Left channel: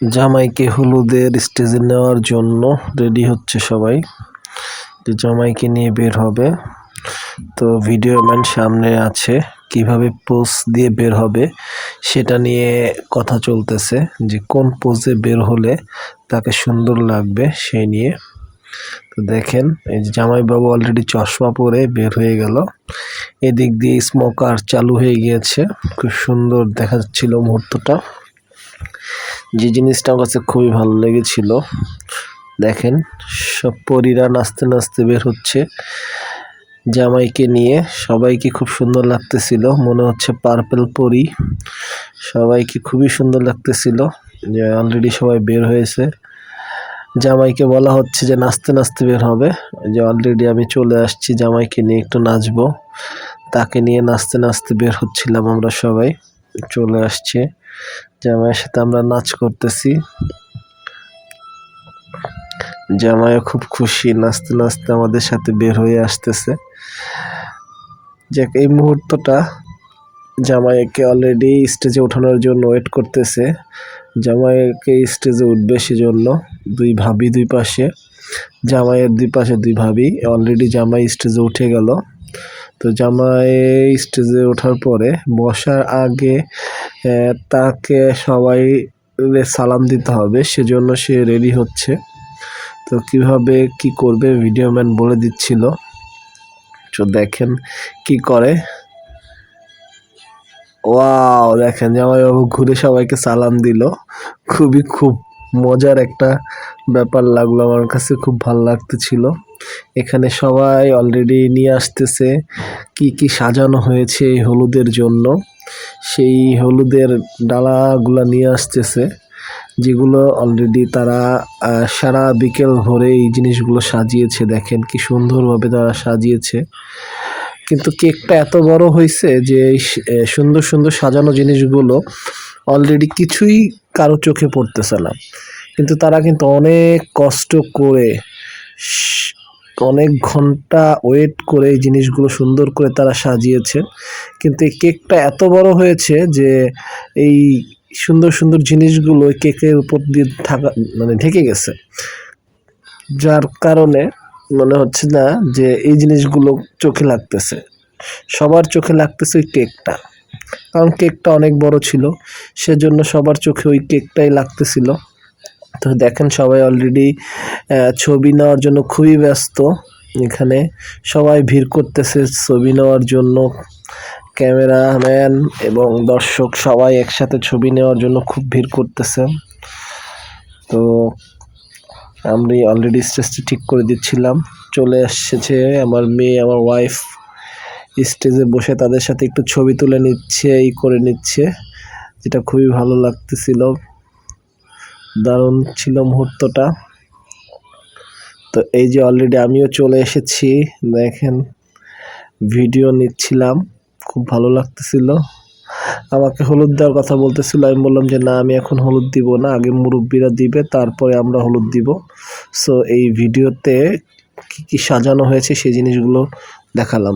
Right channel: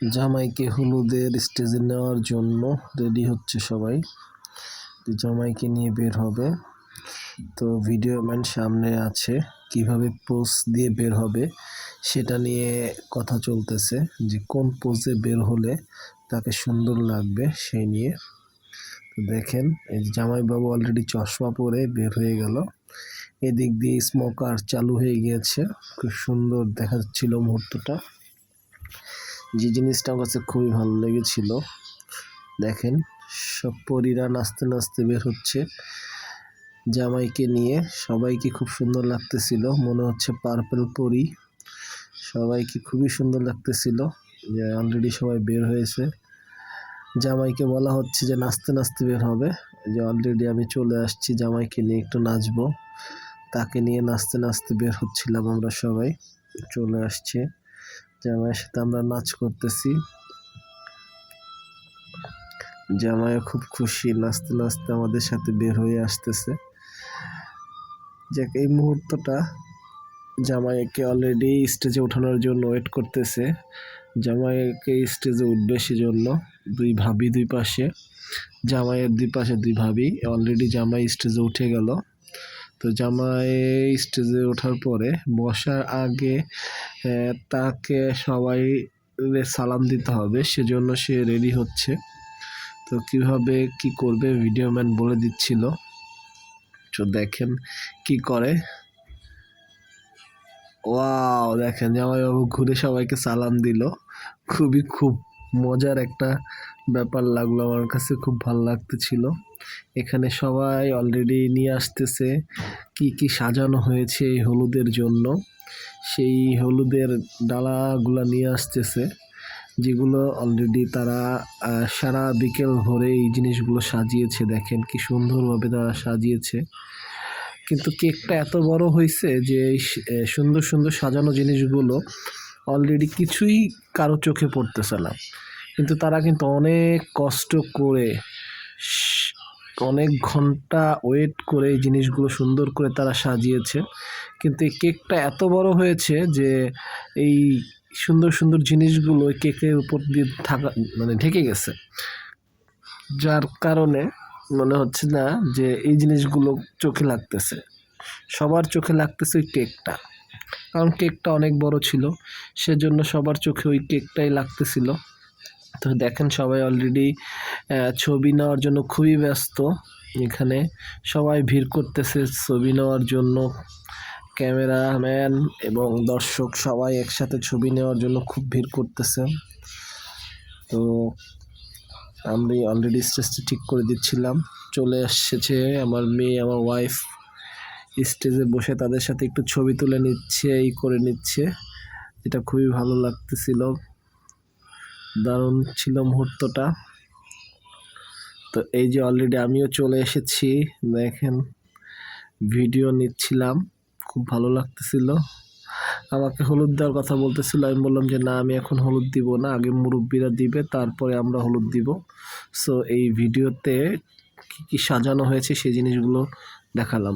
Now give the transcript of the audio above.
জামাইকে হলুদের স্টেজে নেওয়ার জন্য রেডি হচ্ছে সবাই, যে জামাইকে নিয়ে বের হবে। তো ভিডিও ম্যান সামনে আছে, কিভাবে পোজ দিয়ে বের হবে সেটা নিয়ে কথা চলতেছে, যে কোন পোজে বের হলে তাকে সুন্দর লাগবে সেই নিয়ে। তো দেখেন, এই যে জামাইবাবু অলরেডি চশমা পরে বের হয়ে গেল। এদিক দিয়ে স্মোকার চালু হয়ে গিয়েছে, খুব সুন্দর দেখা যাচ্ছিল মুহূর্তটা। যে জিনিসটা আমার কাছে খুবই ভালো লেগেছিল, দেখেন সব পরীরা নাচতে নাচতে বের হচ্ছে জামাইকে নিয়ে। সবাইকে খুব সুন্দর লাগতেছিল, মনে হচ্ছে পার্পল পরী। সবাইকে খুবই সুন্দর লাগতেছিল যে অলরেডি সবাই বের হয়েছে। জামাইকে বলা হচ্ছে যে নাচতে নাচতে বের হবে, যে অলরেডি আমি চলে আসছি জামাইকে নিয়ে একটু নাচবো। তাকে নিয়ে নাচতে নাচতে বের হচ্ছিলাম আমরা সবাই, চলে আসছে জামাইয়ের সাথে আমরা নাচ করতেছি। জামাইও খুব খুশি, নাচতে নাচতে আমাদের সাথে বের হয়ে আসতেছে। যে এই মুহূর্তটা জামাইকে অলরেডি স্টেজে ওঠানোর জন্য ওয়েট করতেছে। জামাইকে স্টেজে উঠবে সেজন্য দুই ভাবি দুই পাশে, জামাইয়ের দুই পাশে দুই ভাবি। অলরেডি জামাই স্টেজে উঠে গেল। তো জামাই স্টেজে ওঠার পরে বসার আগে তাকে সবাই সালাম দিতে হবে, সেজন্য সে রেডি হচ্ছে। তো কিভাবে কি করবে ভিডিও ম্যান বলে দিচ্ছিল, তো দেখেন কি করে। ওয়াও, দেখেন জামাইবাবু ঘুরে সবাইকে সালাম দিল। খুব মজার একটা ব্যাপার লাগলো আমার কাছে, খুব ভালো লাগতেছিল। এখানে সবাই অলরেডি নিয়ে আসতেছে কি কি সাজানো হয়েছে এই হলুদের জন্য, সেই হলুদের ডালাগুলা নিয়ে আসতেছে, যেগুলো অলরেডি তারা সারা বিকেল ভরে এই জিনিসগুলো সাজিয়েছে। দেখেন কি সুন্দরভাবে তারা সাজিয়েছে। কিন্তু কেকটা এত বড় হয়েছে যে সুন্দর সুন্দর সাজানো জিনিসগুলো অলরেডি কিছুই কারো চোখে পড়তেছে না। কিন্তু তারা কিন্তু অনেক কষ্ট করে, অনেক ঘন্টা ওয়েট করে এই জিনিসগুলো সুন্দর করে তারা সাজিয়েছে। কিন্তু এই কেকটা এত বড় হয়েছে যে এই সুন্দর সুন্দর জিনিসগুলো কেকের উপর দিয়ে ঢেকে গেছে, যার কারণে মনে হচ্ছে না যে এই জিনিসগুলো চোখে লাগতেছে। সবার চোখে লাগতেছে ওই কেকটা, কারণ কেকটা অনেক বড় ছিল, সেজন্য সবার চোখে ওই কেকটাই লাগতেছিল। তো দেখেন সবাই অলরেডি ছবি নেওয়ার জন্য খুবই ব্যস্ত। এখানে সবাই ভিড় করতেছে ছবি নেওয়ার জন্য, ক্যামেরাম্যান এবং দর্শক সবাই একসাথে ছবি নেওয়ার জন্য খুব ভিড় করতেছে। তো আমি অলরেডি স্টেজটি ঠিক করে দিচ্ছিলাম, চলে এসেছে আমার মেয়ে, আমার ওয়াইফ স্টেজে বসে তাদের সাথে একটু ছবি তুলে নিচ্ছে, করে নিচ্ছে, যেটা খুবই ভালো লাগতেছিল। দারুণ ছিল মুহূর্তটা। তো এই যে অলরেডি আমিও চলে এসেছি, দেখেন ভিডিও নিচ্ছিলাম, খুব ভালো লাগতেছিল। আমাকে হলুদ দেওয়ার কথা বলতেছিল, আমি বললাম যে না, আমি এখন হলুদ দিব না, আগে মুরব্বীরা দিবে তারপরে আমরা হলুদ দিব। সো এই ভিডিওতে কি কি সাজানো হয়েছে সেই জিনিসগুলো দেখালাম।